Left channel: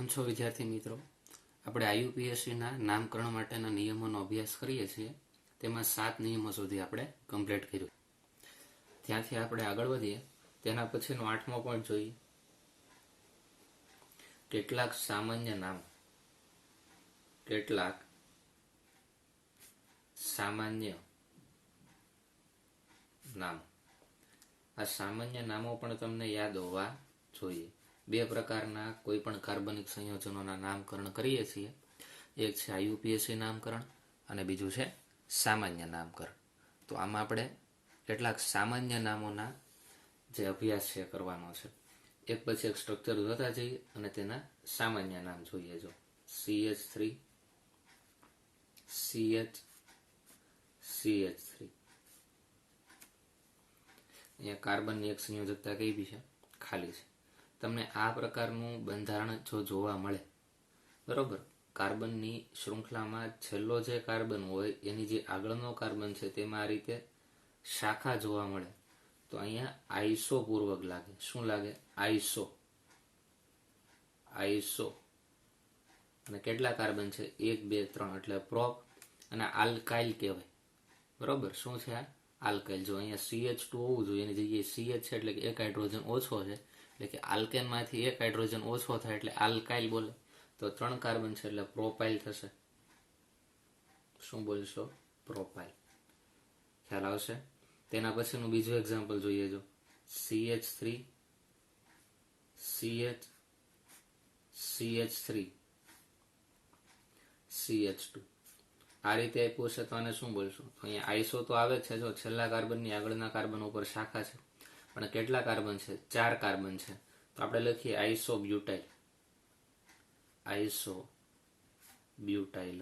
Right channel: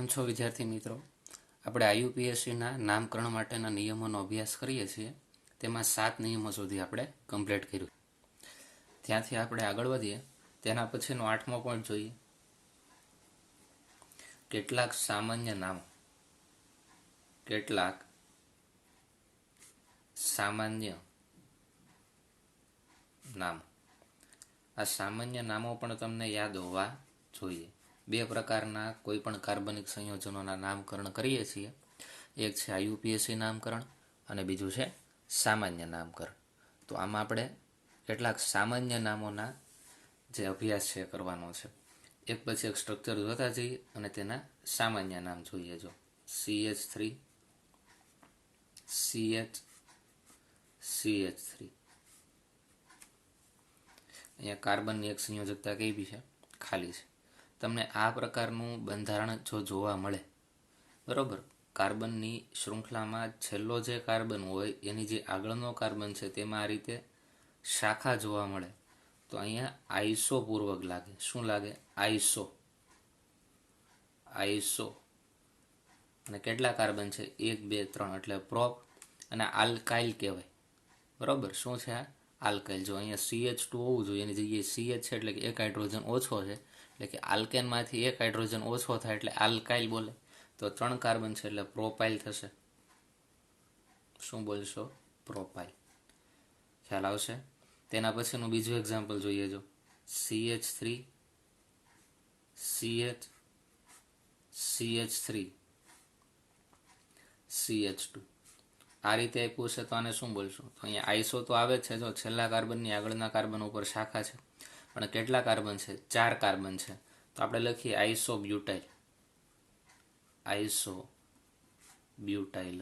કેમ છો વિદ્યાર્થી મિત્રો? આપણે આઈયુપીએસસીના નામકરણ માટેના નિયમોનો અભ્યાસ કરીએ છીએ. તેમાં 7 નિયમો સુધી આપણે કમ્પ્લીટ કર્યું. ત્યાંથી આપણે આગળ વધીએ. તેના પછીનો 8મો પોઈન્ટ જોઈએ. કેટલાક સામાન્ય નામો. કેટલાક સામાન્ય નામો. આ સામાન્ય નામો પણ તમને યાદ હોવા જોઈએ. 2 પ્રકારના કોઈ પણ કાર્બનિક સંયોજનોના નામકરણ કરીએ છીએ. એક છે આઈયુપીએસસી નામકરણ અને બીજું છે સામાન્ય નામકરણ. તો આમાં આપણે કેટલાક સામાન્ય નામોના જે અભ્યાસ છે કરવાનો છે. એક પછી એક સ્ટ્રક્ચર જોતા જઈએ અને તેના સામાન્ય નામ જોઈએ. જો CH3 CH3 અહીંયા કાર્બનની એક સંયોજકતા કઈ બી છે, ખાલી છે. તમને આ પ્રકારનું બંધારણ જો જોવા મળે, બરોબર, કાર્બનની શૃંખલામાં છેલ્લો જે કાર્બન હોય એની જે આગળનો કાર્બન છે તેમાં આ રીતે શાખા જોવા મળે તો અહીંયા આઈસો પૂર્વક લાગે. શું લાગે? આઈસો. અને કેટલા કાર્બન છે? 1 2 3 એટલે પ્રોપ અને આલ્કાઇલ કહેવાય. બરોબર, શું છે આ? આલ્કાઇલ. જો અહીંયા CH2 હોવું જોઈએ, એની જગ્યાએ CH છે એટલે કે એક હાઇડ્રોજન ઓછો છે, એટલે કે આલ્કેનમાંથી એક હાઇડ્રોજન ઓછો થાય એટલે આલ્કાઇલ બોલે. તો 3 કાર્બન છે એટલે પ્રોપાઇલ થશે. શું બોલશો? પ્રોપાઇલ. ખ્યાલ આવશે? તેના પછીનું બીજું એક્ઝામ્પલ જોઈએ. જો CH3 CH3 CH2 આ રીતે આપ્યું છે તો આને શું બોલશું? તો અહીંયા આઈસો તો આવે છે. જો છેલ્લા કાર્બનની આગળના કાર્બન ઉપર શાખા છે, પણ કેટલા કાર્બન છે? 4 કાર્બન છે. તો આપણે લખીએ આઈસોબ્યુટાઇલ.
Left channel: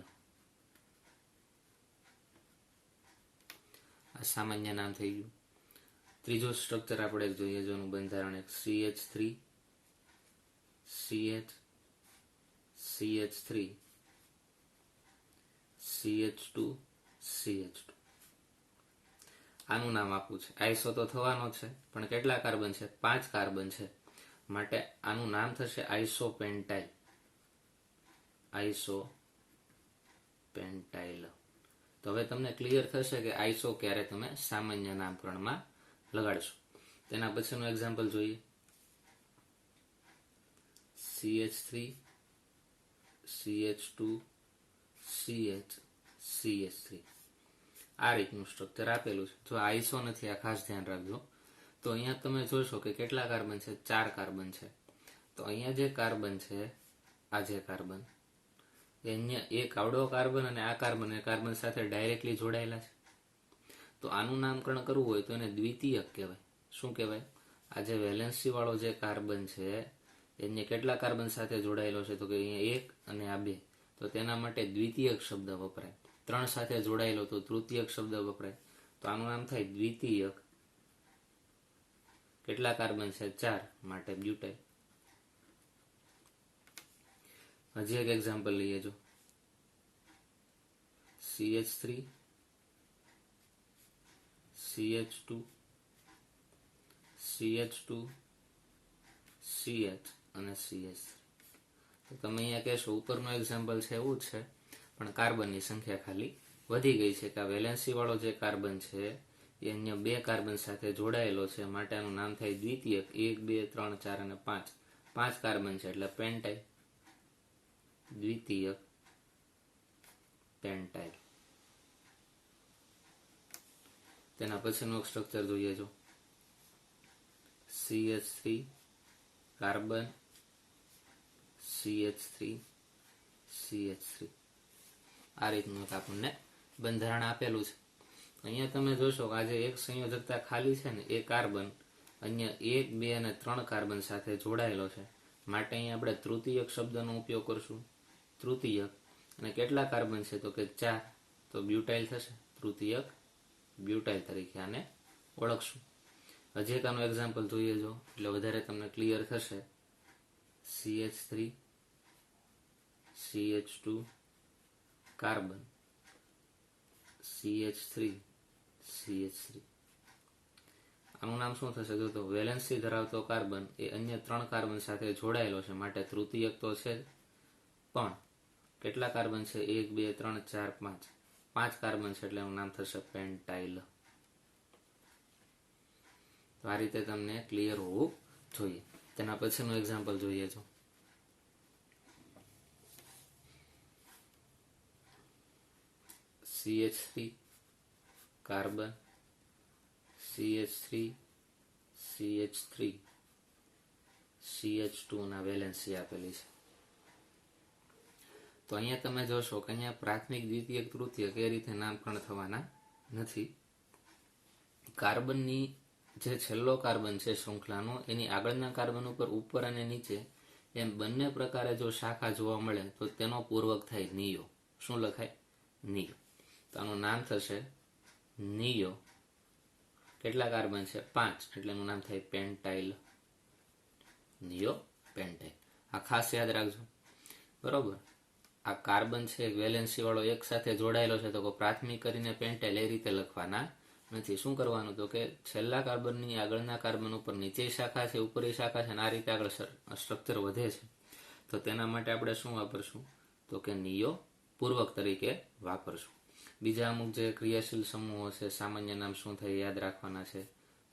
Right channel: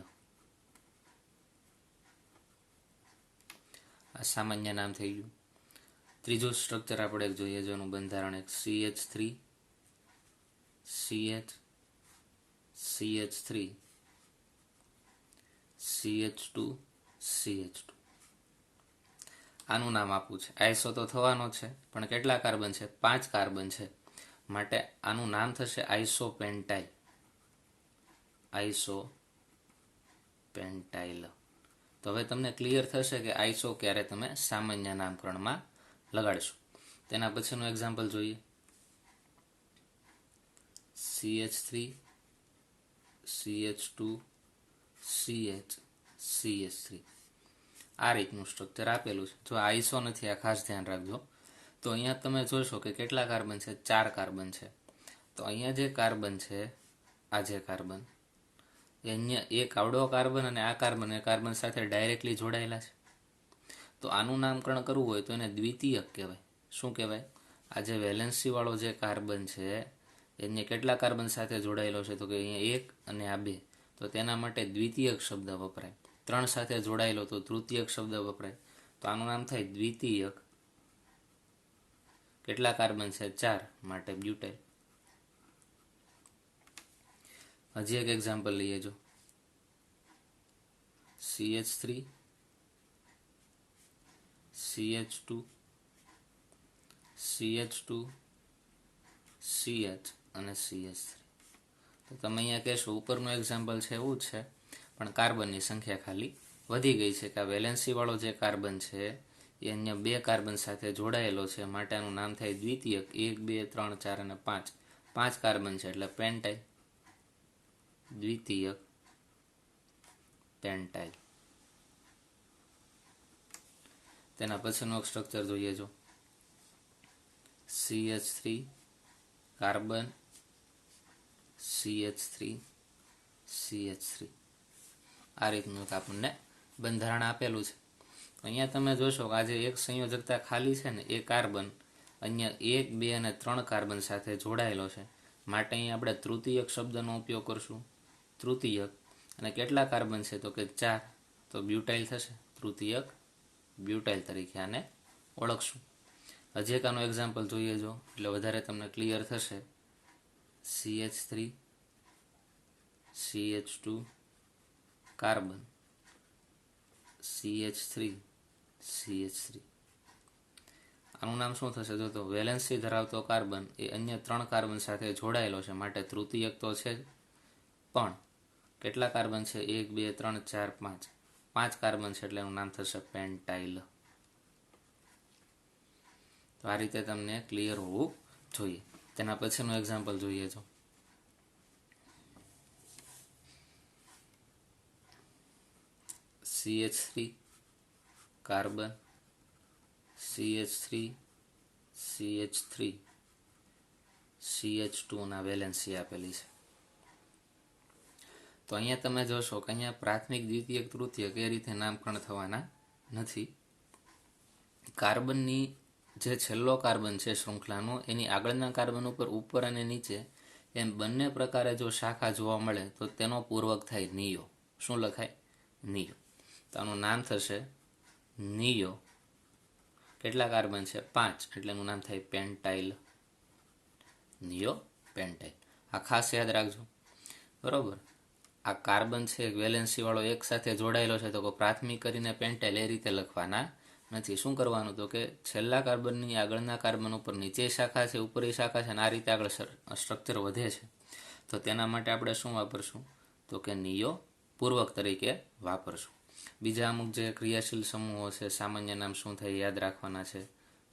આ સામાન્ય નામ થઈ ગયું. ત્રીજું સ્ટ્રક્ચર આપણે જોઈએ. જેનું બંધારણ એક CH3 CH3 CH2 આનું નામ આપવું છે. આઈસો તો થવાનો છે, પણ કેટલા કાર્બન છે? 5 કાર્બન છે. માટે આનું નામ થશે આઈસોપેન્ટાઇલ. તો હવે તમને ક્લિયર થશે કે આઈસો ક્યારે તમે સામાન્ય નામકરણમાં લગાડશો. તેના પછીનું એક્ઝામ્પલ જોઈએ. CH3 CH2 CH3 આ રીતનું સ્ટ્રક્ચર આપેલું છે. જો આઈસો નથી, આ ખાસ ધ્યાન રાખજો. તો અહીંયા તમે જોશો કે કેટલા કાર્બન છે? 4 કાર્બન છે. તો અહીંયા જે કાર્બન છે, આ જે કાર્બન, એ અહીંયા એક આવડો કાર્બન અને આ કાર્બન સાથે ડાયરેક્ટલી જોડાયેલા છે. તો આનું નામકરણ કરવું હોય તો એને દ્વિતીયક કહેવાય. શું કહેવાય? આ જે વેલેન્સી વાળો જે કાર્બન છે એને કેટલા કાર્બન સાથે જોડાયેલો છે? તો કે અહીંયા 1 અને આ 2. તો તેના માટે દ્વિતીયક શબ્દ વપરાય. 3 સાથે જોડાયેલો તો તૃતીયક શબ્દ વપરાય. તો આનું નામ થાય દ્વિતીયક. કેટલા કાર્બન છે? 4, માટે બ્યુટાઇલ. હજી એક એક્ઝામ્પલ લઈએ. જો CH3 CH2 CH અને CH3. તો તમે અહીંયા કહેશો ઉપરનું એક્ઝામ્પલ છે એવું જ છે, પણ કાર્બનની સંખ્યા ખાલી વધી ગઈ છે. કે આ વેલેન્સી વાળો જે કાર્બન છે એ અહીંયા 2 કાર્બન સાથે જોડાયેલો છે, માટે આનું નામ થાય દ્વિતીયક. 1 2 3 4 અને 5. 5 કાર્બન છે એટલે પેન્ટાઇલ. દ્વિતીયક પેન્ટાઇલ. તેના પછીનું સ્ટ્રક્ચર જોઈએ. જો CH3 કાર્બન CH3 આ રીતનું આપણને બંધારણ આપેલું છે. અહીંયા તમે જોશો કે આજે એક સંયોજકતા ખાલી છે ને, એ કાર્બન અહીંયા 1 2 અને 3 કાર્બન સાથે જોડાયેલો છે, માટે અહીંયા આપણે તૃતીયક શબ્દનો ઉપયોગ કરશું. તૃતીયક. અને કેટલા કાર્બન છે? તો કે 4. તો બ્યુટાઇલ થશે. તૃતીયક બ્યુટાઇલ તરીકે આને ઓળખશું. હજી એક આનું એક્ઝામ્પલ જોઈએ જો, એટલે વધારે તમને ક્લિયર થશે. CH3 CH2 કાર્બન CH3 આનું નામ શું થશે? તો વેલેન્સી ધરાવતો કાર્બન એ અન્ય 3 કાર્બન સાથે જોડાયેલો છે, માટે તૃતીયક તો છે જ, પણ કેટલા કાર્બન છે? 1 2 3 4 5 5 કાર્બન છે, એટલે એનું નામ થશે પેન્ટાઇલ. તો આ રીતે તમને ક્લિયર હોવું જોઈએ. તેના પછીનું એક્ઝામ્પલ જોઈએ તો CH3 carbon, CH3 CH3 CH2 ના વેલેન્સી આપેલી છે. તો અહીંયા તમે જોશો કે અહીંયા પ્રાથમિક, દ્વિતીયક, તૃતીયક એ રીતે નામકરણ થવાના નથી. કાર્બનની જે છેલ્લો કાર્બન છે શૃંખલાનો, એની આગળના કાર્બન ઉપર અને નીચે એમ બંને પ્રકારે જો શાખા જોવા મળે તો તેનો પૂર્વક થાય નિયો. શું લખાય? નિયો. તો આનું નામ થશે નિયો. કેટલા કાર્બન છે? 5, એટલે એનું નામ થાય પેન્ટાઇલ. નિયો પેન્ટાઇલ. આ ખાસ યાદ રાખજો, બરોબર. આ કાર્બન છે વેલેન્સી વાળો એક સાથે જોડાયેલો છે, તો પ્રાથમિક કરીને પેન્ટાઇલ એ રીતે લખવાના નથી. શું કરવાનું? તો કે છેલ્લા કાર્બનની આગળના કાર્બન ઉપર નીચે શાખા છે, ઉપરની શાખા છે, અને આ રીતે આગળ સ્ટ્રક્ચર વધે છે. તો તેના માટે આપણે શું વાપરશું? તો કે નિયો પૂર્વક તરીકે વાપરશું. બીજા અમુક જે ક્રિયાશીલ સમૂહો છે, સામાન્ય નામ શું થાય યાદ રાખવાના છે.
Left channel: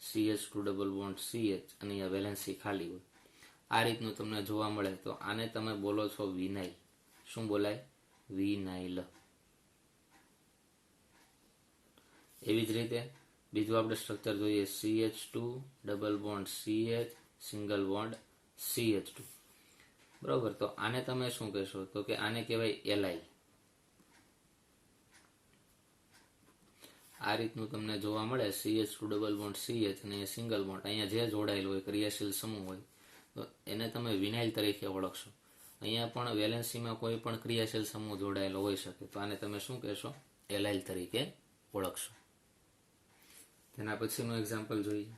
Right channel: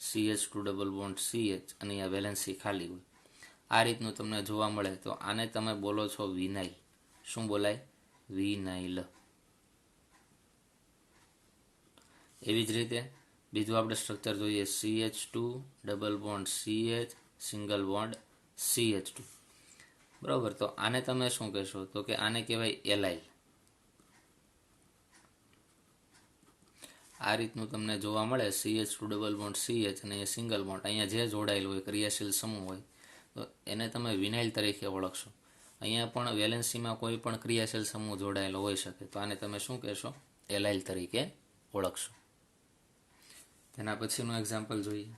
CH2 ડબલ બોન્ડ CH, અને અહીંયા વેલેન્સી ખાલી હોય. આ રીતનું તમને જોવા મળે તો આને તમે બોલો છો વિનાઇલ. શું બોલાય? વિનાઇલ. એવી જ રીતે બીજું આપણે સ્ટ્રક્ચર જોઈએ. CH2 double bond CH single bond CH2. બરાબર. તો આને તમે શું કહેશો? તો કે આને કહેવાય એલાઇલ. આ રીતનું તમને જોવા મળે. CH2 ડબલ બોન્ડ CH અને એ સિંગલ બોન્ડ, અહીંયા જે જોડાયેલું હોય ક્રિયાશીલ સમૂહ હોય તો એને તમે વિનાઇલ તરીકે ઓળખશો. અહીંયા પણ વેલેન્સીમાં કોઈ પણ ક્રિયાશીલ સમૂહ જોડાયેલો હોઈ શકે, તો આને તમે શું કહેશો? એલાઇલ તરીકે ઓળખશો. તેના પછીનું એક્ઝામ્પલ જોઈએ.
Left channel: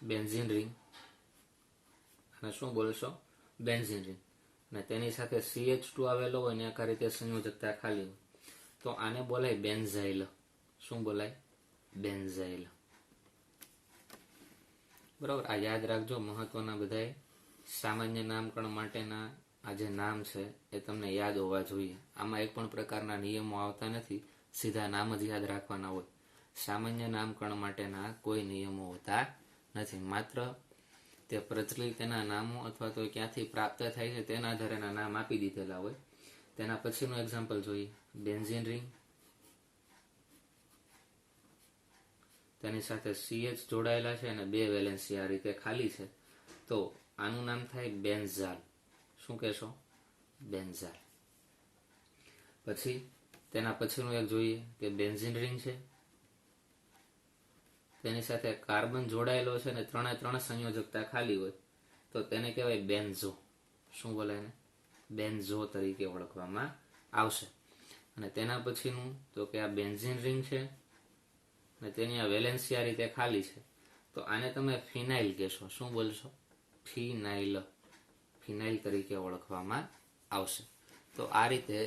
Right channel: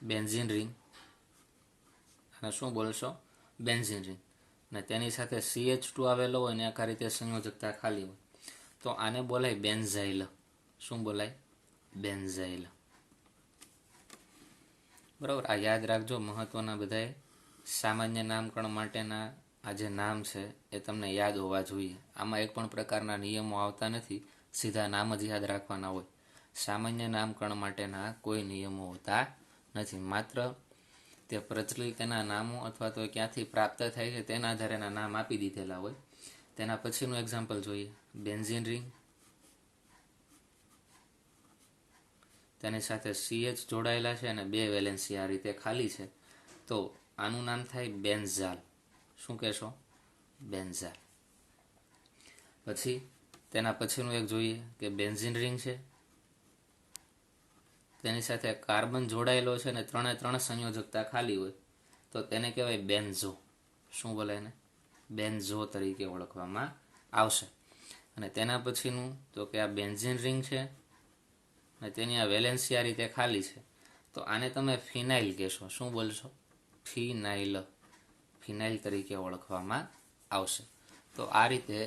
Benzene ring. અને શું બોલશો? Benzene ring. અને તેની સાથે CH2 આવેલો હોય ને આખા રીતે સંયોજકતા ખાલી હોય, તો આને બોલાય બેન્ઝાઇલ. શું બોલાય? બેન્ઝાઇલ. બરાબર. આ યાદ રાખજો. મહત્વના બધાએ સામાન્ય નામકરણ માટેના આ જે નામ છે એ તમને યાદ હોવા જોઈએ. આમાં એક પણ પ્રકારના નિયમો આવતા નથી, સીધા નામ જ યાદ રાખવાના હોય. સામાન્ય નામકરણ માટેના કોઈ નિયમો હોતા નથી. માત્ર તે પ્રચલિત તેના નામો અથવા તો ક્યાંથી પ્રાપ્ત થાય છે તેના આધારે એના નામ આપી દીધેલા હોય. તેના પછીનું એક્ઝામ્પલ જોઈએ. Benzene ring. તેની સાથે CH જોડાયેલા છે અને 2 વેલેન્સી આ રીતે ખાલી છે, તો આનું નામ થાય બેન્ઝાલ. શું કહેશો? બેન્ઝાલ. પછી તેના પછીનું એક જોઈએ કે બેન્ઝીન રિંગ છે, તેની સાથે કાર્બન જોડાયેલો છે અને 3 સંયોજકતા ખાલી હોય, તો તેને કહેવાય બેન્ઝો. શું બોલે એને? બેન્ઝો તરીકે ઓળખવામાં આવશે. અને તેના પછીનું તો કે આ બેન્ઝીન રિંગ છે અને તેની આ વેલેન્સી આ રીતે ખાલી છે, તો આને તમે ફિનાઇલ કહેશો. શું બોલશો? ફિનાઇલ. ફિનાઇલ તરીકે ઓળખવામાં આવશે. તો આ રીતે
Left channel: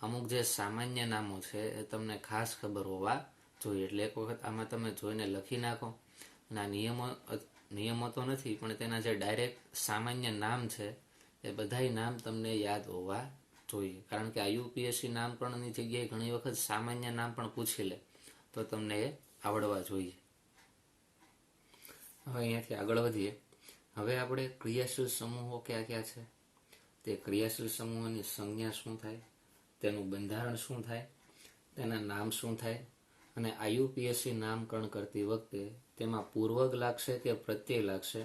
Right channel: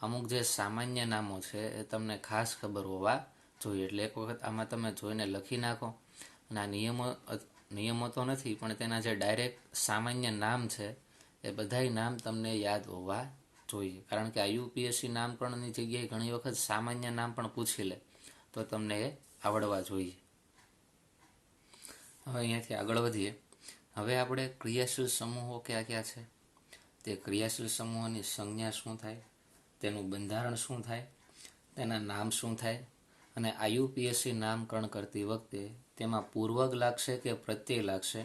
અમુક જે સામાન્ય નામો છે એ તમને ખાસ ખબર હોવા જોઈએ. એટલે એક વખત આમાં તમે જોઈને લખી નાખો. અને આ નિયમો તો નથી, પણ તેના જે ડાયરેક્ટ સામાન્ય નામ છે એ બધાય નામ તમને યાદ હોવા જોઈએ. કારણ કે UPSC નામકરણની જગ્યાએ ઘણી વખત સામાન્ય નામ પણ પૂછી લે, તો તમને એ આવડવા જોઈએ. હવે અહીંયાથી આગળ વધીએ. હવે આપણે ક્રિયાશીલ સમૂહો કયા કયા છે, તે ક્રિયાશીલ સમૂહોની સંજ્ઞા શું થાય, તેનું બંધારણ શું થાય, તેના નામ શું થાય, અને IUPAC નામકરણ કરતી વખતે તેમાં પૂર્વક લાગશે કે પ્રત્યય લાગશે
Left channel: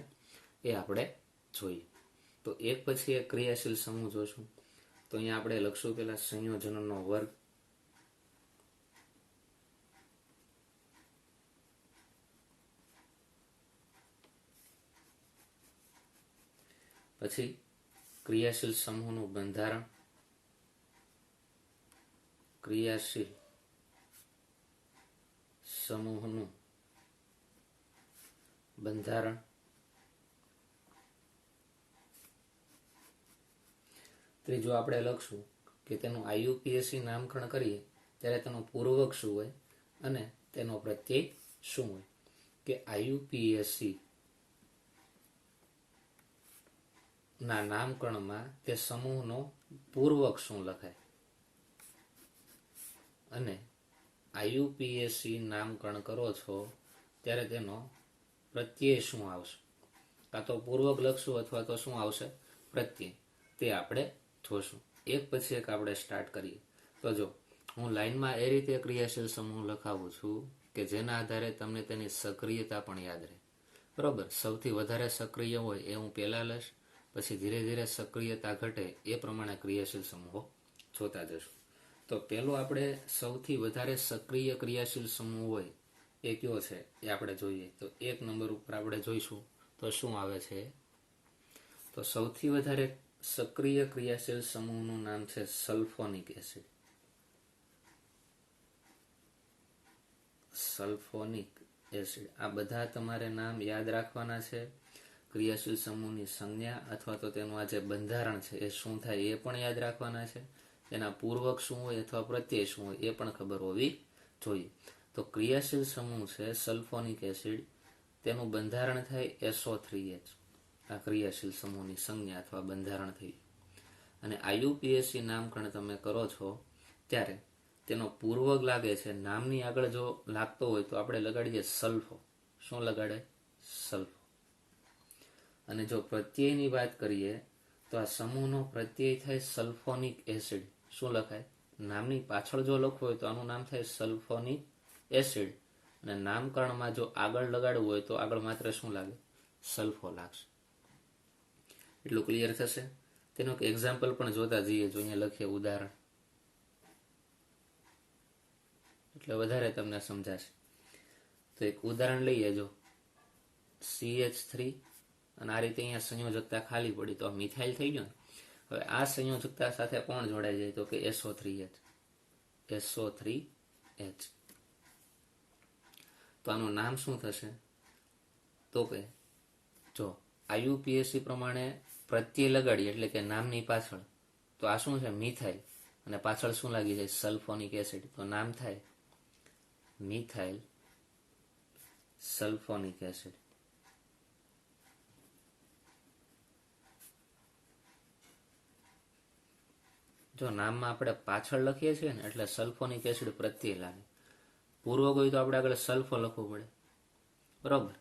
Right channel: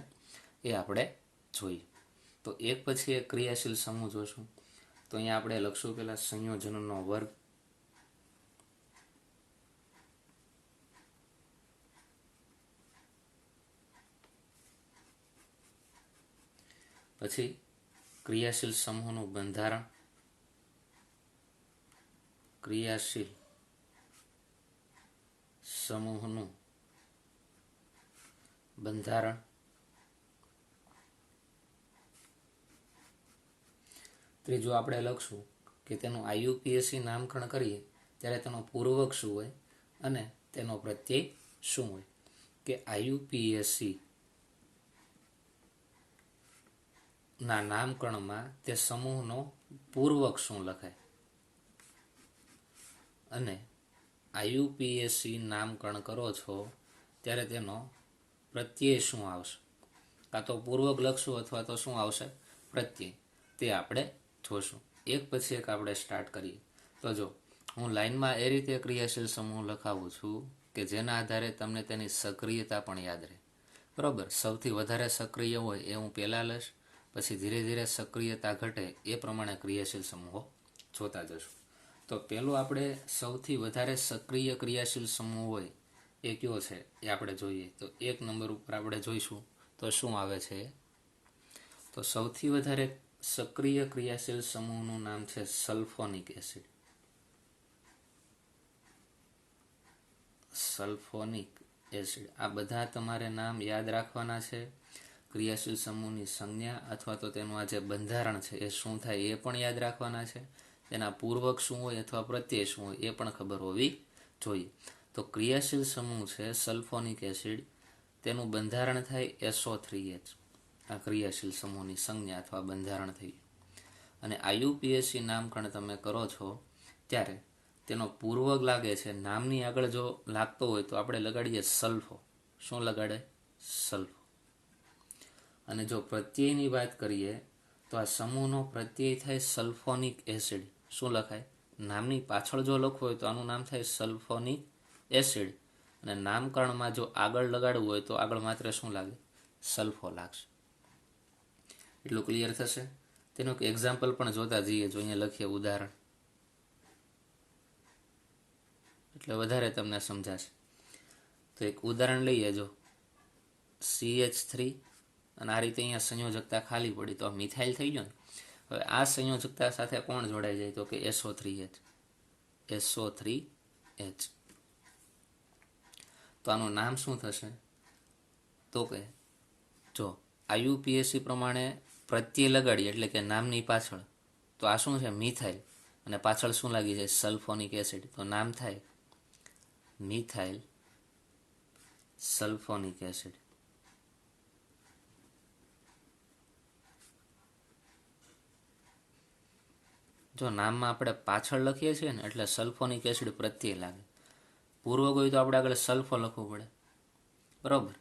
એ આપણે જોઈએ. તો એક પછી એક ક્રિયાશીલ સમૂહ જોશું. તો અહીંયા આપણે લખશું પહેલા સંયોજનોનો વર્ગ. પછી ક્રિયાશીલ સમૂહનું બંધારણ. ક્રિયાશીલ સમૂહનું બંધારણ. ત્રીજું આપણે લખશું કે તેનું IUPAC નામકરણ કરીએ ત્યારે તેનો પૂર્વક શું હોય અને તેનો પ્રત્યય શું હોય. કે આઈયુપીએસી ના નામકરણમાં તે સમૂહનો પૂર્વક શું લખાય, અને આઈયુપીએસી નામકરણ કરો છો ત્યારે તેનો પ્રત્યય શું આવશે, કાં તો પૂર્વક લખશું અથવા તો શું આવશે પ્રત્યય, તે આપણે જોશું. એક પછી એક આપણે સ્ટાર્ટ કરીએ. તો જો હું લાઈનમાં એ રીતે ક્રિયાશીલ સમૂહ લખાવું છું કે જેના આધારે તમને તેની સક્રિયતા પણ યાદ રહે. બરોબર, સૌથી વધારે સક્રિય હોય એ હું પહેલાં લઈશ, પછી ધીરે ધીરે સક્રિયતા ઘટે એ પ્રમાણે ક્રિયાશીલ સમૂહો જોતા જશું. તો પહેલું આપણે સૌથી વધારે સક્રિય ક્રિયાશીલ સમૂહ હોય એ કયો છે એ આપણે જોઈએ. તો 1 નંબર ઉપર આપણે જોઈશું તો શું આવે છે. તો સૌથી વધારે સક્રિય ક્રિયાશીલ સમૂહનું નામ છે સલ્ફોનિક એસિડ. Sulphonic acid. આ બધા તમારે નામ યાદ રાખવાના છે. ક્રિયાશીલ સમૂહની સંજ્ઞા અથવા તો તેનું આ જે બંધારણ છે એ શું થાય એ પણ યાદ રાખવાના છે. તેના પૂર્વક શું હોય અથવા પ્રત્યય શું હોય એ પણ ખબર હોવી જોઈએ. તો ક્રિયાશીલ સમૂહ છે સલ્ફોનિક એસિડ, તેનું બંધારણ થાય SO3H. આ ક્રિયાશીલ સમૂહની સંજ્ઞા અથવા બંધારણ થઈ. અને આઈયુપીએસી નામકરણ તમે કરો છો ત્યારે તેનો પૂર્વક લાગે છે, નામની આગળ જો લાગતો હોય તો આપણે લગાડીએ સલ્ફો. શું લગાડે? સલ્ફો. અને જો પ્રત્યયની વાત કરીએ તો આ સમૂહનો પ્રત્યય થાય સલ્ફોનિક એસિડ. શું લખાય? નામની પાછળ જો લખવું હોય તો આનું નામ થાય સલ્ફોનિક એસિડ, અને નામકરણમાં જો આગળ લગાડવું હોય તો આગળ માત્ર શું લાગે? સલ્ફો લાગશે. એટલું ક્લિયર થશે. તેનું એક એક્ઝામ્પલ પણ જોતા જઈએ. જો અહીંયા લખીએ ઉદાહરણ, એટલે વધારે તમને સમજાશે. તો એક ઉદાહરણ લઈએ. જો CH3 અને આ રીતે અહીંયા સંયોજકતા ખાલી પડી તો મિથાઇલ થઈ ગયો ને. હવે આ સંયોજકતા સાથે કોણ જોડાઈ જાય? તો કે SO3H. SO3H. તો આનું નામ શું થશે? તો કે જો આઈયુપીએસી પ્રમાણે પ્રત્યય લગાડીએ એટલે કે નામની પાછળ, તો આ શું છે? મિથાઇલ, અને પાછળ શું લાગી જાય? Sulphonic acid. તો નામ થાય મિથાઇલ સલ્ફોનિક એસિડ. જો નામમાં આપણે પાછળ લખીએ છીએ ને એટલે સલ્ફોનિક એસિડ પ્રત્યય લાગે. પૂર્વક હોય તો આપણે આગળ સલ્ફો લખવું પડે. બરોબર,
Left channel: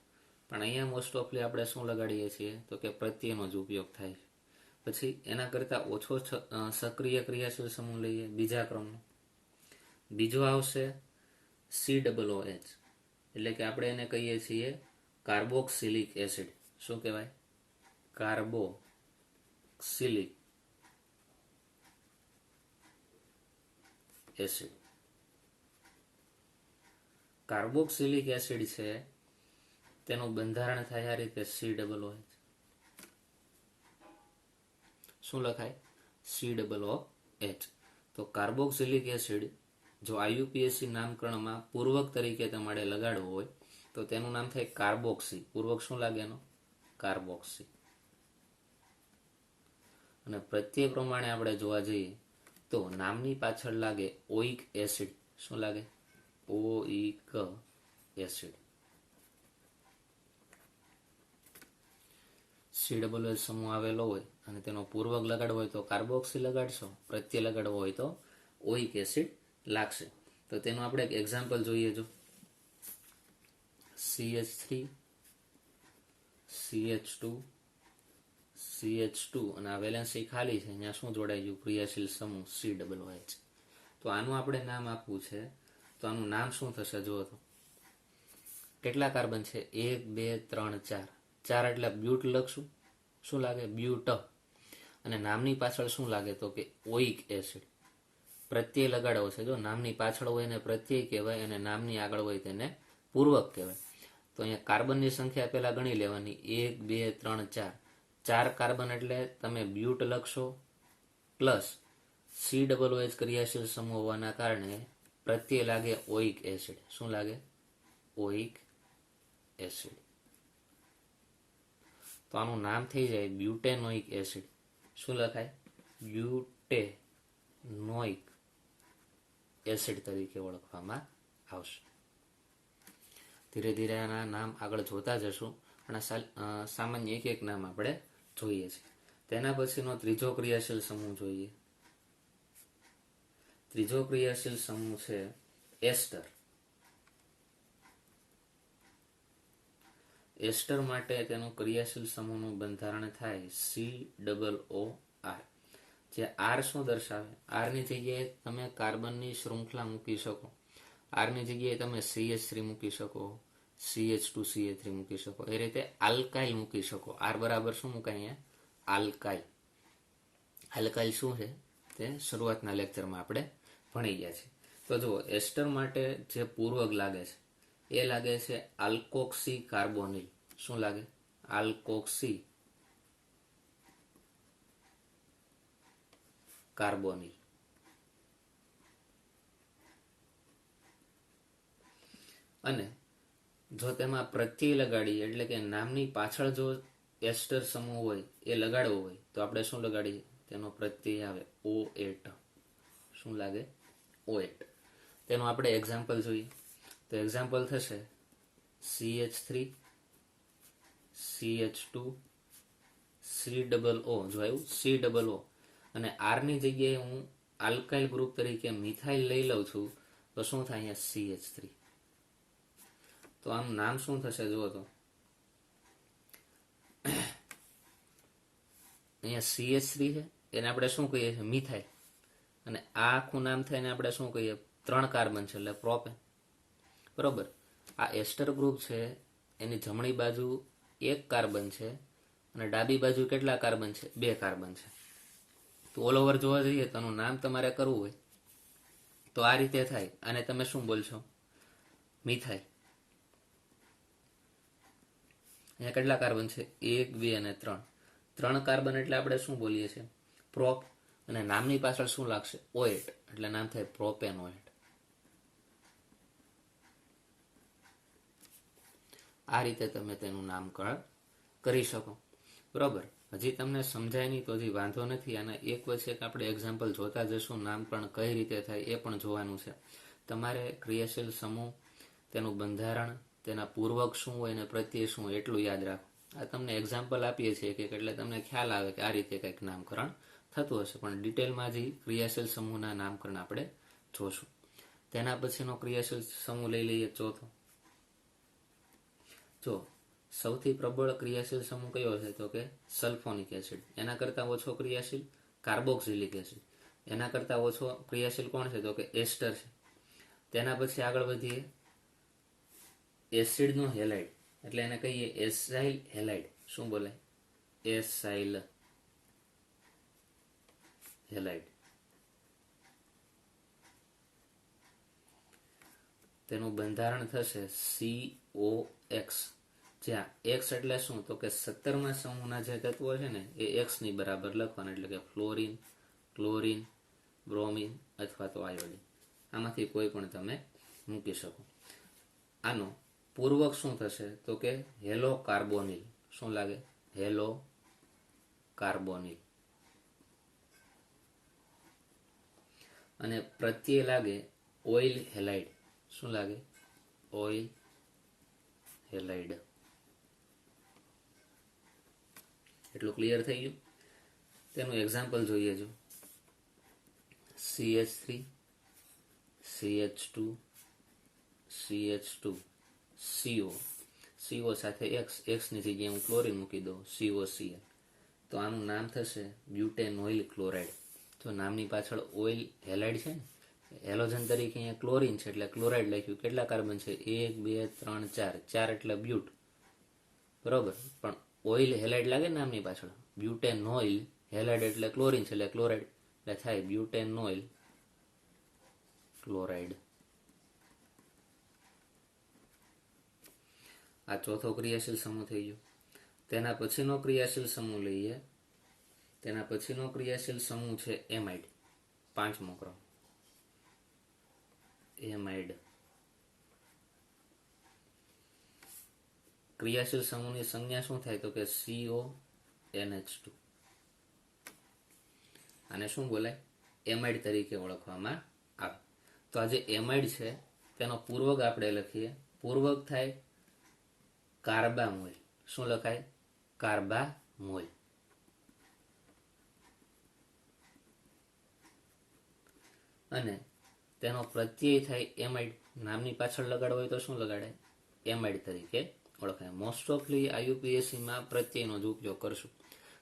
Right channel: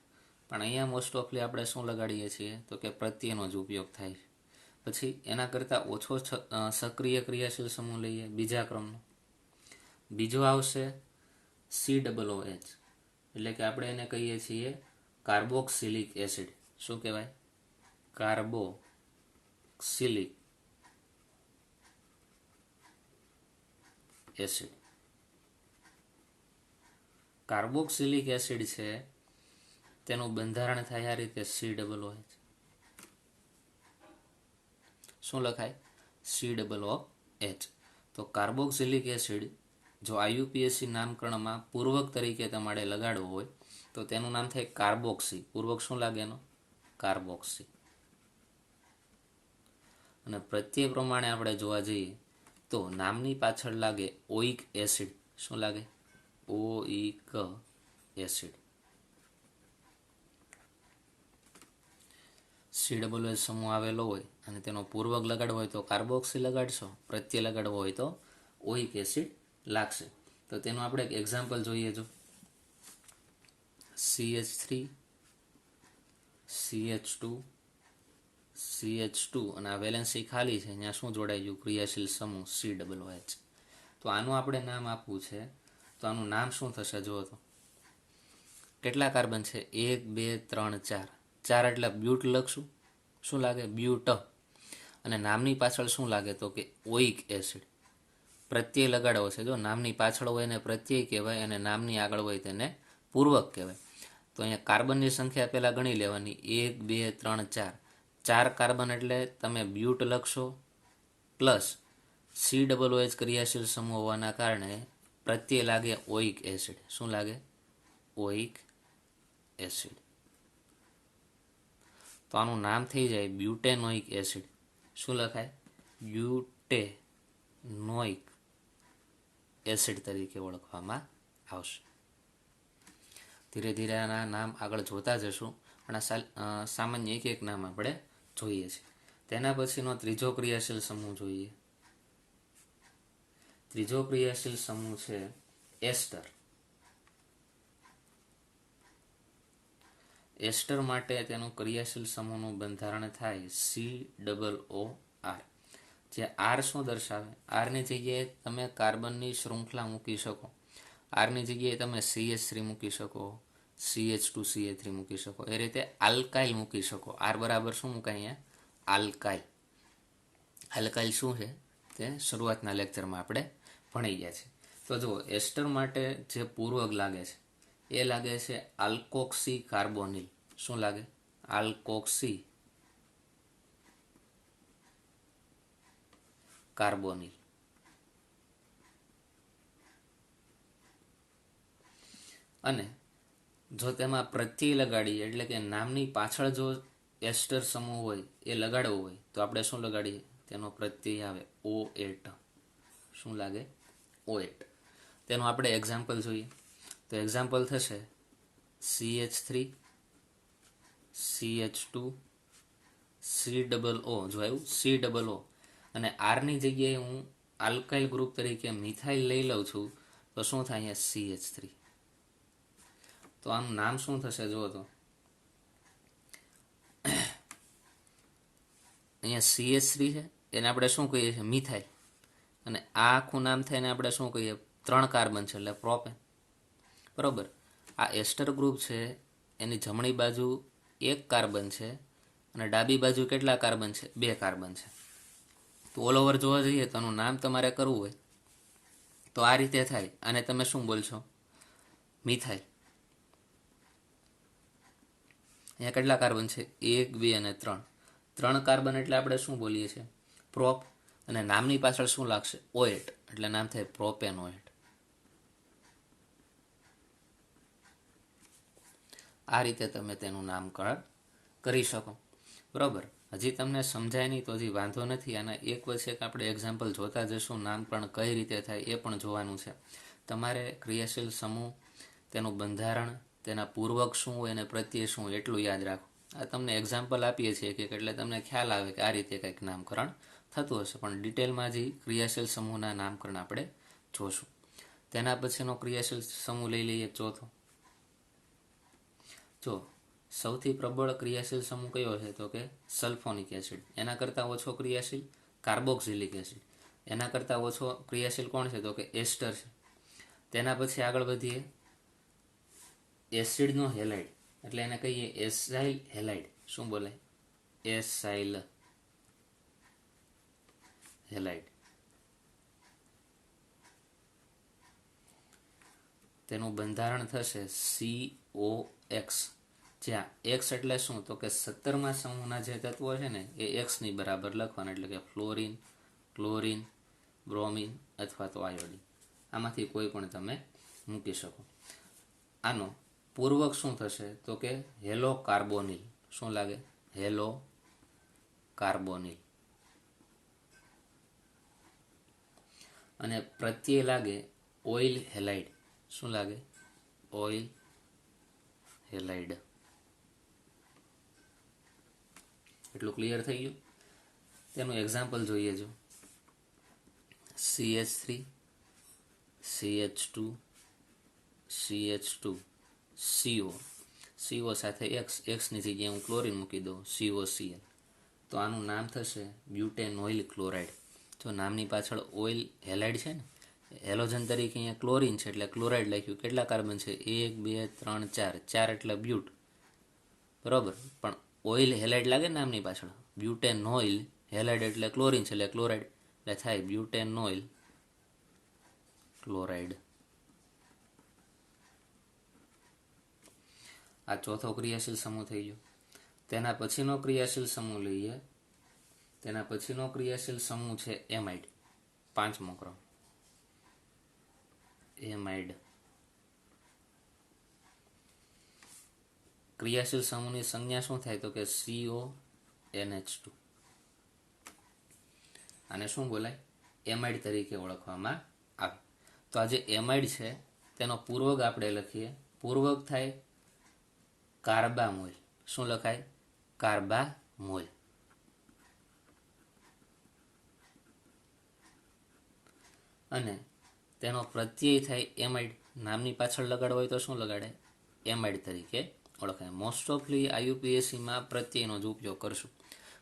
પણ અહીંયા મોસ્ટ ઓફલી આપણે શું લગાડીએ છીએ? તો કે પ્રત્યયનો જ ઉપયોગ થાય છે. પછી એના કરતાં ઓછો સક્રિય ક્રિયાશીલ સમૂહ લઈએ બીજા ક્રમનો. બીજો આવશે COOH, એટલે કે આપણે એને કહીએ છીએ કાર્બોક્સિલિક એસિડ. શું કહેવાય? Carboxylic acid. કાર્બોક્સિલિક એસિડ છે તેનું બંધારણ થાય આ રીતે COOH. શું લખાય? COOH. તો કાર્બોક્સિલિક એસિડ જો આઈયુપીએસી નામકરણમાં પૂર્વક તરીકે તમારે લગાડવો હોય તો તેનું નામ થાય કાર્બોક્સી. પૂર્વક શું લાગે એનો? કાર્બોક્સી. અને પ્રત્યય પ્રમાણે આપણે જોવા જઈએ તો નામની પાછળ લાગે ઓઇક એસિડ. શું લાગે? ઓઇક એસિડ. COOH સમૂહ આવેલો હોય અને તેનો પૂર્વક લગાડવો હોય તો કાર્બોક્સી લગાડશો, પ્રત્યય લગાડવો હોય તો ઓઇક એસિડ લાગશે. તો તેનું આપણે એક એક્ઝામ્પલ જોઈએ. જો CH3 CH2 CH2 અને આ વેલેન્સી ખાલી છે, અહીંયા શું જોડાઈ ગયું? ક્રિયાશીલ સમૂહ COOH. તો આનું આપણે નામ આપવું છે. તો આનું નામ શું થશે? જુઓ તો કેટલા કાર્બન છે? 1 2 3 4. 4 એટલે બ્યુટ લખશું. શું લાગે? બ્યુટ. અને નામની પાછળ શું લાગે? તો કે ઓઇક એસિડ. પ્રત્યય લગાડવો છે. જો નામની પાછળ હોય એને પ્રત્યય કહેવાય અને નામની આગળ હોય તેને પૂર્વક કહેવાય. તો અહીંયા કાર્બનની સંખ્યા પહેલાં ગણી લેવાની. 1 2 3 4. 4 કાર્બન એટલે તમે બ્યુટ લખશો, પ્લસ COOH ક્રિયાશીલ સમૂહ હોવાના કારણે પ્રત્યય લાગે ઓઇક એસિડ. શું લાગે? ઓઇક એસિડ. તો આનું નામ થઈ જાય બ્યુટેનોઇક એસિડ. શું લખાય? બ્યુટેનોઇક એસિડ તરીકે ઓળખવામાં આવશે. ધીરે ધીરે આના નામ આગળ જોતા જશું પણ સામાન્ય એક એક નામ આપણે જોઈએ છીએ. તેના પછીનો ત્રીજો ક્રિયાશીલ સમૂહ જોઈએ. ત્રીજો ક્રિયાશીલ સમૂહ છે એસ્ટર. એસ્ટર માટે તેનું ક્રિયાશીલ સમૂહનું બંધારણ થાય COOR. જ્યાં આર શું દર્શાવે? આરની જગ્યાએ તમે કાર્બનની શૃંખલા મૂકી શકો. આરની જગ્યાએ તમે CH3 મૂકી શકો, CH2CH3 મૂકી શકો, એ રીતે આલ્કાઇલ મૂકી શકો. આર બરાબર શું મુકાય અહીંયા? આલ્કાઇલ. આલ્કાઇલ શું છે તે શરૂઆતના લેક્ચરમાં આપણે ભણી ગયા છે. તો જુઓ, એસ્ટર માટે જે પૂર્વક લાગે છે એ લાગે છે આલ્કોક્સી કાર્બોનિલ. શું લાગે? Alkoxy carbonyl. અને જો તેમાં પ્રત્યય લગાડીએ એટલે કે નામની પાછળ જો એસ્ટર સમૂહ હોય એ લગાડવો હોય તો આપણે શું લગાડીએ? તેનો પ્રત્યય આવે O8. શું લાગે? O8. તેનું આપણે એક્ઝામ્પલ જોઈએ તો એક્ઝામ્પલ થશે CH3 CH2 COO. જો આવ્યું COO અને આરની જગ્યાએ હું આલ્કાઇલ ગ્રુપ તરીકે મિથાઇલ લઈ લઉં છું તો શું થાય? અહીંયા CH3. તો આનું નામ શું થશે? જુઓ તો અહીંયા CH3 છે એને આપણે શું કહીએ છીએ? મિથાઇલ. અને આ આખું નામ થઈને આપણે શું કહીએ? 3 કાર્બન છે એટલે પ્રોપેન. બરોબર. આ એસ્ટર ગ્રુપ છે એની જમણી બાજુ 1 કાર્બન છે અને ડાબી બાજુ કેટલા કાર્બન છે? 2 કાર્બન છે. તો ઓલ ઓવર જોવા જઈએ તો આનું નામ તમારે કરવું હોય તો આ રીતે થાય. અને તમે શું બોલશો? મિથાઇલ. અહીંયા કેટલા કાર્બન છે? 1 2 અને 3. 3 કાર્બન એટલે આપણે શું બોલીએ છીએ? પ્રોપ. અને નામની પાછળ શું લાગશે? O8 એટલે નામ થાય પ્રોપેનોએટ. આ રીતે તમે તેનું નામકરણ કરી શકો. બરોબર. હજી તમને સમજાય નહીં તો હજી વાંધો નથી. આના એક પછી એક આપણે એક્ઝામ્પલ જોતા જશું. નામકરણ કઈ રીતે થાય એ પણ જોવાનું છે. તમારે ક્રિયાશીલ સમૂહ, તેનું બંધારણ, તેના પૂર્વક શું હોય અને પ્રત્યય શું હોય એટલું યાદ રાખો. આ તમને એક્ઝામ્પલ આપીએ છીએ કે એટલે તમને ખ્યાલ આવે કે આ રીતે કંઈક નામકરણ થતું હશે. પણ ડિટેલમાં જ ક્રિયાશીલ સમૂહના નામકરણ આપણે જોશું. તેના પછીનો ક્રિયાશીલ સમૂહ લઈ લઈએ ચોથો. જો સૌથી પ્રબળ ક્રિયાશીલ સમૂહ કયો છે તો કે સલ્ફોનિક એસિડ. એના કરતાં ઓછો ક્રિયાશીલ કાર્બોક્સિલિક એસિડ. એના કરતાં ઓછો ક્રિયાશીલ કોણ છે તો કે એસ્ટર છે. તેના પછી આગળ વધીએ એસિડનો હેલાઇડ એટલે એને કહીએ એસાઇલ હેલાઇડ. શું બોલાય? Acyl halide. તેનું બંધારણ થશે COX. જ્યાં X એટલે શું તો કે 17મા સમૂહના જે તત્વો છે ને એ X ની બરાબર લખવાના. એટલે કે ફ્લોરિન, ક્લોરિન, બ્રોમિન અથવા તો આયોડિન. આમાંથી કોઈ પણ તમે મૂકી શકો. આનો પૂર્વક શું થશે તો કે હેલો કાર્બોનિલ. શું લાગે? Hello carbonyl. અને પ્રત્યય લાગે ઓઇલ હેલાઇડ. શું લાગે? Oil halide. એટલું ક્લિયર થઈ ગયું? તેનું એક્ઝામ્પલ જોઈએ જો CH3 CH2 CH2 CO સાથે X ની જગ્યાએ હું ક્લોરીન મૂકી દઉં COCl. તો આનું નામ થશે બ્યુટેનોઇલ ક્લોરાઇડ. જો નામની પાછળ ઓઇલ હેલાઇડ છે ને, હેલોજન તરીકે અહીંયા ક્લોરીન છે એટલે ક્લોરાઇડ લખ્યું. કેટલા કાર્બન છે? 1 2 3 4. 4 એટલે બ્યુટ. બરોબર. પણ ઓઇલ હેલાઇડ લાગે નામની પાછળ. બ્યુટેનોઇલ હેલાઇડ એટલે ક્લોરીન છે એટલે ક્લોરાઇડ એટલે થાય બ્યુટેનોઇલ ક્લોરાઇડ. આ ચોથો ક્રિયાશીલ સમૂહ થઈ ગયો. તેના પછીનો ક્રિયાશીલ સમૂહ લઈએ. તેના પછીનો ક્રિયાશીલ સમૂહ છે એમાઇડ. 5મો ક્રમ એમાઇડ. ક્રિયાશીલ સમૂહની સંજ્ઞા શું થાય તો કે CONH2. આને શું બોલાય? એમાઇડ તરીકે ઓળખવામાં આવે. તો આ જે એમાઇડ છે તેનો પૂર્વક આપણે લખીએ પૂર્વક થાય કાર્બામોલ. શું લખાય? કાર્બામોલ. અને તેનો પ્રત્યય થાય એમાઇડ. નામની પાછળ લગાડવો હોય તો શું લગાડે? એમાઇડ તરીકે ઓળખાય. મોસ્ટ ઓફલી આયુપીએસસીમાં પ્રત્યયનો જ ઉપયોગ કરશું.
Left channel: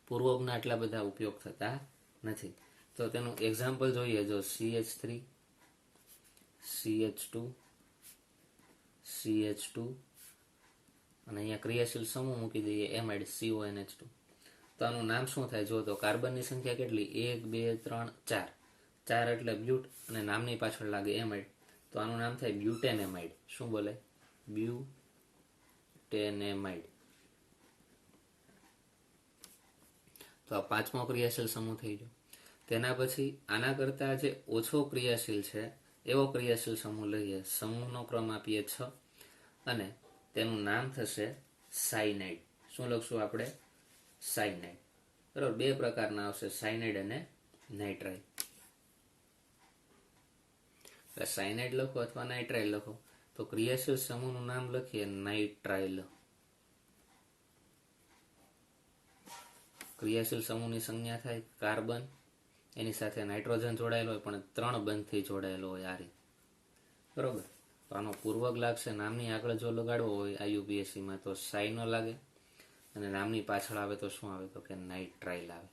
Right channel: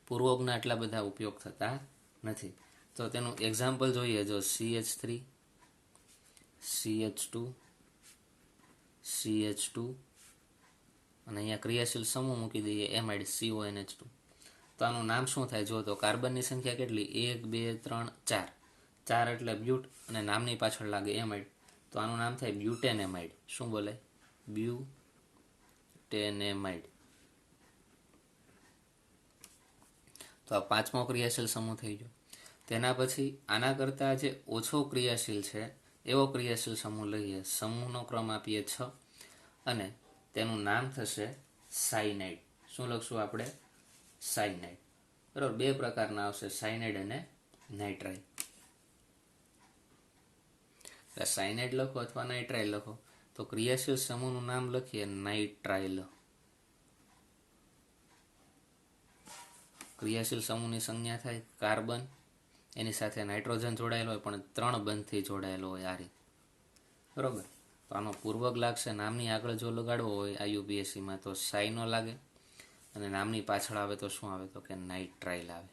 પૂર્વકના એટલા બધા ઉપયોગ થતા નથી. તો તેનું એક્ઝામ્પલ જોઈએ, જો CH3, CH2, CH2 અને અહીંયા ક્રિયાશીલ સમૂહ મૂકી દઈએ એમાઇડ CONH2. તો આનું નામ શું થાય? જો તો કાર્બનની સંખ્યા કેટલી? 1 2 3 4. 4 એટલે બ્યુટ અને નામની પાછળ લાગે એમાઇડ, તો આનું નામ થાય બ્યુટેનેમાઇડ. શું બોલાય? બ્યુટેનેમાઇડ. તો આ 5મો ક્રિયાશીલ સમૂહ થઈ ગયો. તેના પછી આના કરતાં જે ઓછો ક્રિયાશીલ છે એવો ક્રિયાશીલ સમૂહ લઈએ. સમૂહનો ક્રમ આપીએ 6 અને તેનું નામ થશે સાયનાઇડ. શું લખશું આપણે? સાયનાઇડ. બરાબર. 2 પ્રકારના આવશે, સાયનાઇડ અને નાઇટ્રાઇલ. સાયનાઇડ લખો અથવા નાઇટ્રાઇલ લખો. તો ક્રિયાશીલ સમૂહનું નામ લખીએ નાઇટ્રાઇલ. ક્રિયાશીલ સમૂહની સંજ્ઞા થાય કાર્બન, એની સાથે નાઇટ્રોજન જોડાયેલો હોય પણ 3 બંધથી જોડાયેલો હોય આ રીતે. બરાબર. તો આનો પૂર્વક લાગશે. નામની આગળ જો લગાડવો હોય આયુપીએસસીમાં તો સાયનો લાગે અને નામની પાછળ આવે તો શું આવે? તો કે નાઇટ્રાઇલ આવે.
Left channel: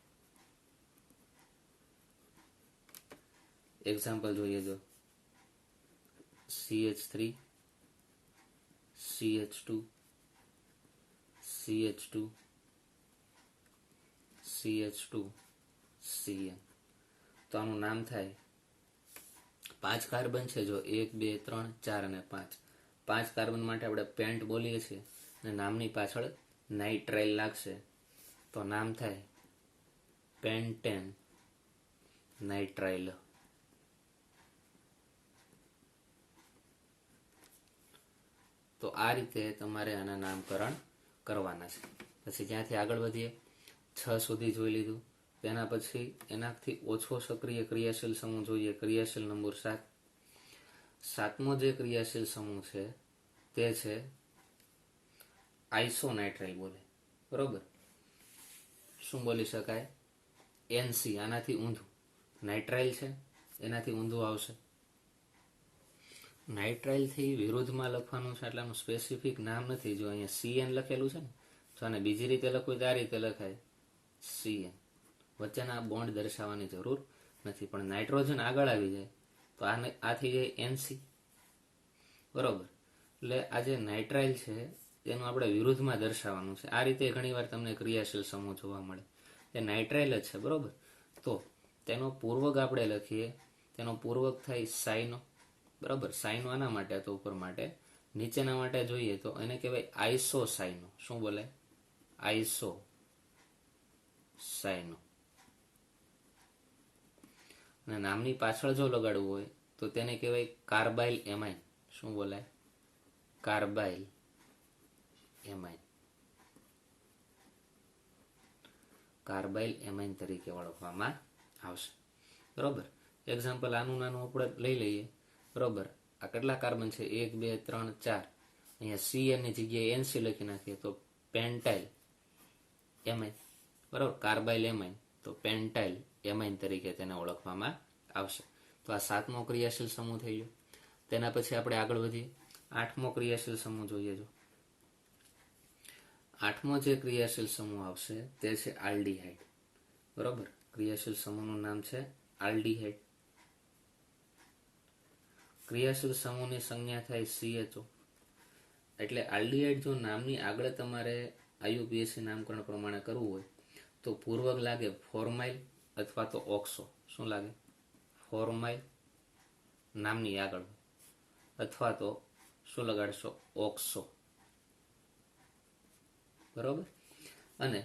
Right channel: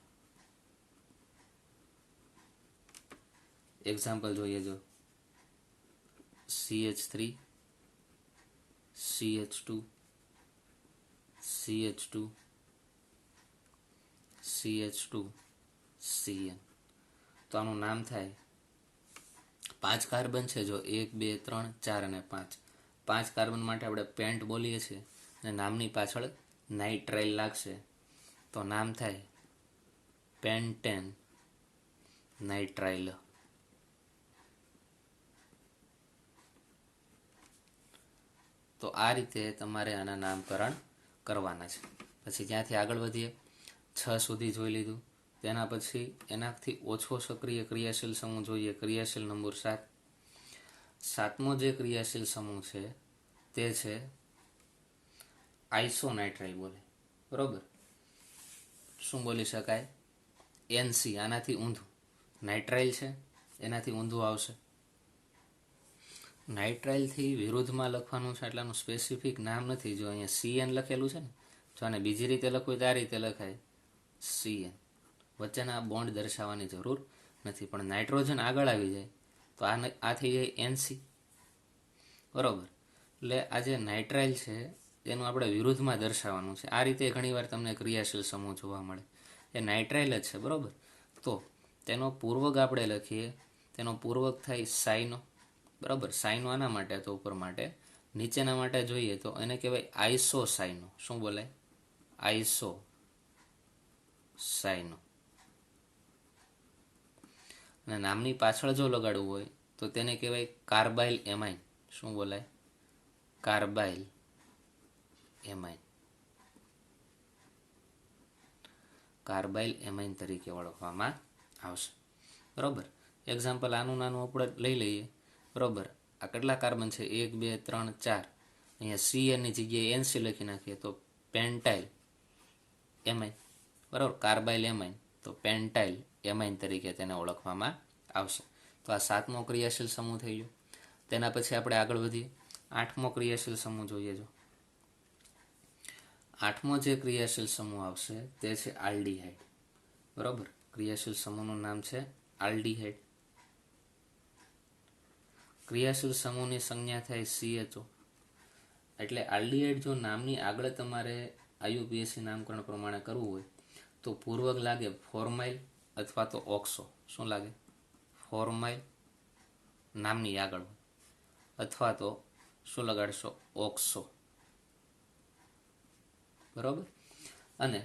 એક્ઝામ્પલ જોઈએ, જો CH3, CH2, CH2, CH2, Cn. તો આનું નામ થાય 5 કાર્બન છે, જો 1 2 3 4 અને 5. 5 કાર્બન માટે આપણે પેન્ટ બોલીએ છીએ અને નામની પાછળ નાઇટ્રાઇલ લાગશે તો નામ થાય પેન્ટેન નાઇટ્રાઇલ. તો આ રીતે તમારે આના નામકરણ કરવાના છે. પછી ત્યાંથી આગળ વધીએ. 6 સુધી જોઈ લીધું. તેના પછી એનાથી ઓછો સક્રિય ક્રિયાશીલ સમૂહ જોઈએ, ક્રિયાશીલ નંબર 7. 7મો જે ક્રિયાશીલ સમૂહ છે તે છે આઇસોનાઇટ્રાઇલ બોલે. બરોબર. શું બોલી શકાય? NC. આનાથી ઊંધું નાઇટ્રાઇલ છે, એનાથી ઊંધું આવશે. નાઇટ્રાઇલથી વિરુદ્ધમાં લખવાનું છે એટલાનું સ્પેસિફિક નામ નથી. જો અહીંયા CN લખેલું છે ને, જો આને બીજી રીતે લખવું તો આ રીતે લખાય CN. વચ્ચેના બોન્ડ દર્શાવવાની જરૂર નથી. પણ નાઇટ્રોજન આગળ આવી જાય તો આ થઈ જાય NC. બરોબર. એટલે આ જે નાઇટ્રાઇલ છે તેનું આપણે વિરુદ્ધમાં દર્શાવવાનું છે. આ રીતે ઘણીવાર તમને ક્રિયાશીલ સમૂહ જોવા મળે. એ નાઇટ્રાઇલ જ છે. બરોબર. તો તેનો પૂર્વક આપણે લખીએ. તેનો પૂર્વક થાય સાઇનો. બરાબર. સાઇનો આના માટે તો ઉપર માટે. નીચેના માટે જોઈએ તો એને કહેવાય આઈસો સાઇનો. શું બોલાય? આઈસો સાઇનો. અને નામની પાછળ જો લગાડવું હોય તો તેને કહેવાય કાર્બાઇલ એમાઇન. શું બોલાય? Carbyl amine. કાર્બાઇલ એમાઇન તરીકે ઓળખવામાં આવશે. બરોબર. એક્ઝામ્પલ આનું નાનું આપણે લઈ લઈએ. બરોબર. આ કેટલા કાર્બન છે? 1 2 3 4. અહીંયા CN ની જગ્યાએ NC લખી નાખીએ તો પેન્ટાઇલ એમાઇન. બરાબર. કાર્બાઇલ એમાઇન તો પેન્ટાઇલ એમાઇન તરીકે તેને ઓળખવામાં આવશે. તો આ 7મો ક્રિયાશીલ સમૂહ થઈ ગયો. તેના પછી આપણે આગળ વધીએ. 8મો ક્રિયાશીલ સમૂહ જોઈએ. જો 8મો જે ક્રિયાશીલ સમૂહ આવશે તે છે આલ્ડીહાઇડ. બરાબર. ક્રિયાશીલ સમૂહનું નામ છે આલ્ડીહાઇડ. ક્રિયાશીલ સમૂહની સંજ્ઞા થાય CHO. એટલે આલ્ડીહાઇડ જો નામની આગળ તમારે આયુપીએસસી નામકરણ પ્રમાણે કરવું હોય તો પૂર્વક લાગે ફોર્માઇલ અથવા તો ઓક્સો. શું લાગે? ફોર્માઇલ નામની આગળ અથવા તો શું લગાડશો? ઓક્સો. બરોબર. અને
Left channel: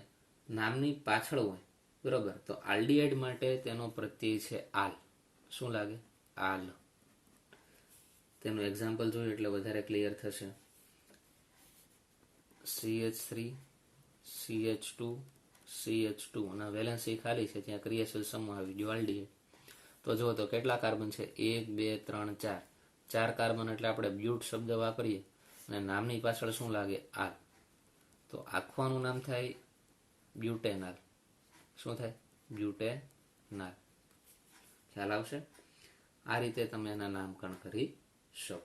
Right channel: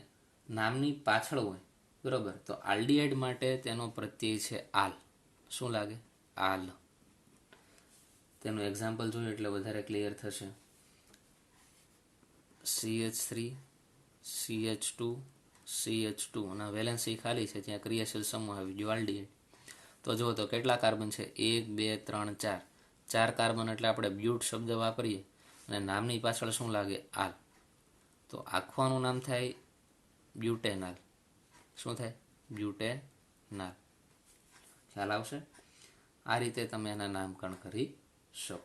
નામની પાછળ હોય બરોબર તો આલ્ડીહાઇડ માટે તેનો પ્રત્યય છે આલ. શું લાગે? આલ. તેનું એક્ઝામ્પલ જોયું એટલે વધારે ક્લિયર થશે. CH3, CH2, CH2 અને વેલેન્સી ખાલી છે, ત્યાં ક્રિયાશીલ સમૂહ આવી ગયો આલ્ડીહાઇડ. તો જો તો કેટલા કાર્બન છે? 1 2 3 4. 4 કાર્બન એટલે આપણે બ્યુટ શબ્દ વાપરીએ અને નામની પાછળ શું લાગે? આલ. તો આખવાનું નામ થાય બ્યુટેનાલ. શું થાય? બ્યુટેનાલ. ખ્યાલ આવશે? આ રીતે તમે એના નામકરણ કરી શકો.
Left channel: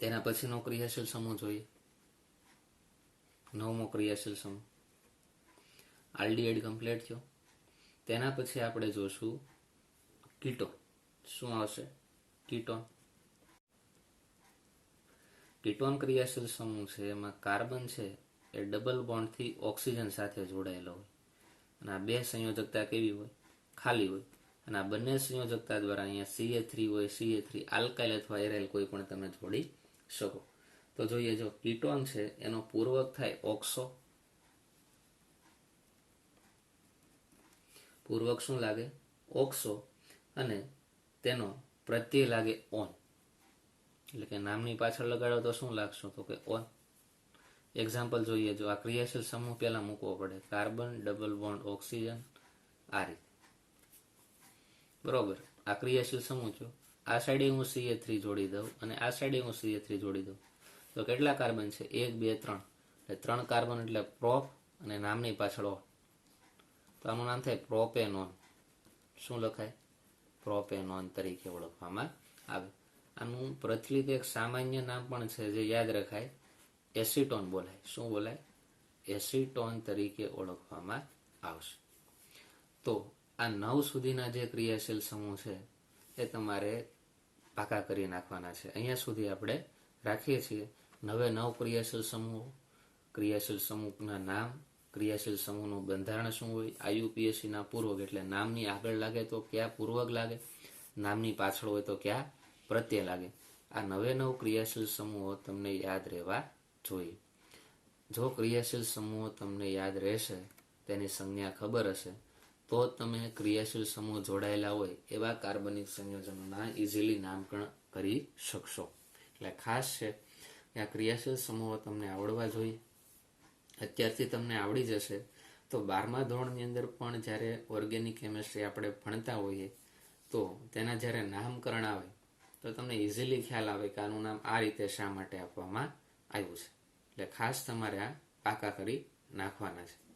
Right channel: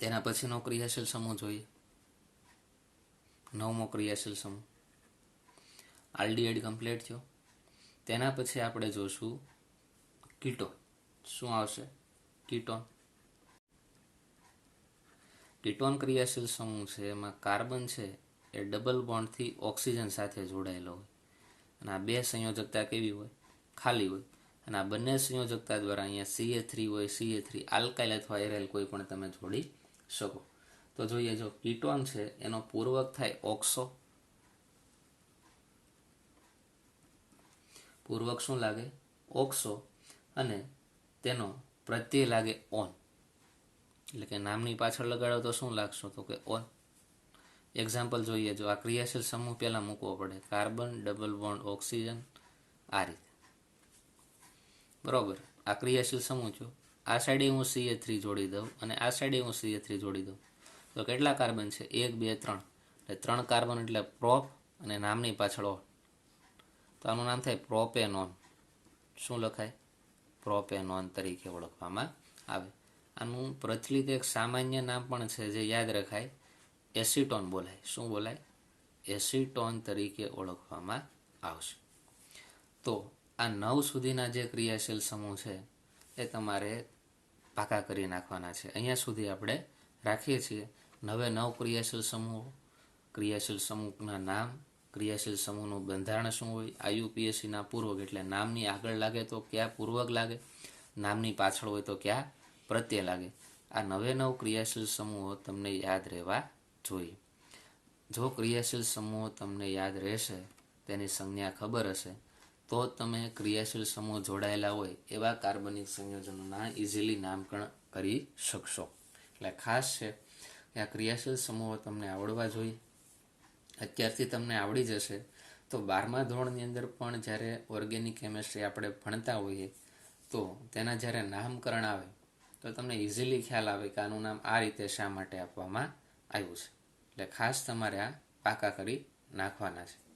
તેના પછીનો ક્રિયાશીલ સમૂહ જોઈએ. 9મો ક્રિયાશીલ સમૂહ આલ્ડીહાઇડ કમ્પ્લીટ થયો. તેના પછી આપણે જોશું કીટોન. શું આવશે? કીટોન. કીટોન ક્રિયાશીલ સમૂહ છે એમાં કાર્બન છે એ ડબલ બોન્ડથી ઓક્સિજન સાથે જોડાયેલો હોય અને આ બે સંયોજકતા કેવી હોય? ખાલી હોય. અને આ બંને સંયોજકતા દ્વારા અહીંયા CH3 હોય, CH3 આલ્કાઇલ અથવા એરાઇલ કોઈ પણ તમે જોડી શકો. તો જોઈએ, જો કીટોન છે એનો પૂર્વક થાય ઓક્સો. પૂર્વક શું લાગે? ઓક્સો. અને તેનો પ્રત્યય લાગે ઓન. એટલે કે નામની પાછળ લગાડો તો શું લાગશે? તો કે ઓન. એક્ઝામ્પલ જોઈએ, જો આ ક્રિયાશીલ સમૂહ પહેલા મૂકવો પડે. કાર્બન ડબલ બોન્ડ ઓક્સિજન, આ રીતે. બરોબર. આ ક્રિયાશીલ સમૂહ થયો. આ સાઈડે હું CH3 જોડી દઉં અને આ સાઈડે હું CH3 જોડી દઉં તો કેટલા કાર્બન છે? 1 2 3. એટલે 3 કાર્બન એટલે પ્રોપ અને નામની પાછળ ઓન. તો આનું નામ થાય પ્રોપેનોન. શું લખાય? પ્રોપેનોન તરીકે ઓળખવામાં આવે. આનું પ્રચલિત એક સામાન્ય નામ પણ છે જે યાદ રખાય, એસિટોન બોલાય. શું બોલાય? એસિટોન તરીકે ઓળખવામાં આવશે. તો આ 9 સુધીના જે ક્રિયાશીલ સમૂહ છે એ તમારે પાકા કરી નાખવાના છે. અહીંયા સુધી આપણે રાખીએ છીએ. 9 ક્રિયાશીલ સમૂહ, ક્રિયાશીલ સમૂહના નામ, ક્રિયાશીલ સમૂહનું બંધારણ શું હોય, IUPACના પૂર્વક એટલે નામની આગળ લાગે તો ક્યાં પૂર્વક લાગે, નામની પાછળ હોય તો ક્યાં પ્રત્યય લાગે. આ 9 ક્રિયાશીલ સમૂહો તમને યાદ રહેવા જોઈએ. જો ક્રિયાશીલ સમૂહો તમને યાદ રહેશે, તેની સંજ્ઞા ખબર હશે, તો તમે ક્રિયાશીલ સમૂહ જોડાયેલા હોય એવા કાર્બનિક સંયોજનોના ઇઝીલી નામકરણ કરી શકશો. એટલે ખાસ છે કે આ ક્રિયાશીલ સમૂહો તમને આવડવા જોઈએ. અત્યારથી તમને આવડી જશે તો 12મા ધોરણની અંદર પણ જ્યારે ઓર્ગેનિક કેમિસ્ટ્રી આપણે ભણતા હોઈએ તો તેના જ્યારે નામકરણ આવે તો તમને ઇઝીલી ખ્યાલ આવે કે આનું નામ આ રીતે શા માટે આપવામાં આવ્યું છે. એટલે ખાસ તમારે આ પાકા કરી નાખવાના છે.